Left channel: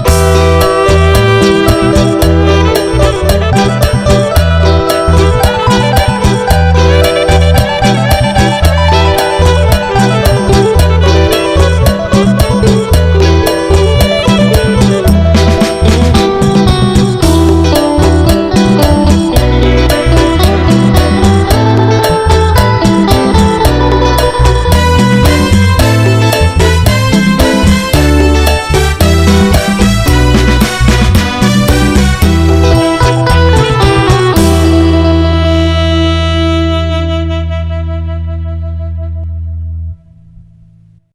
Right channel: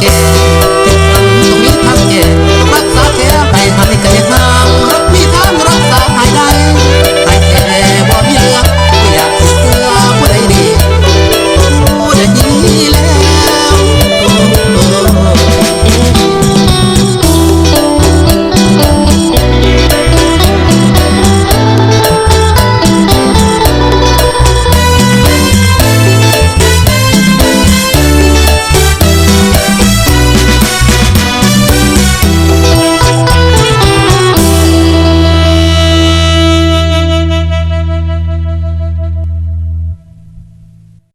Yeah.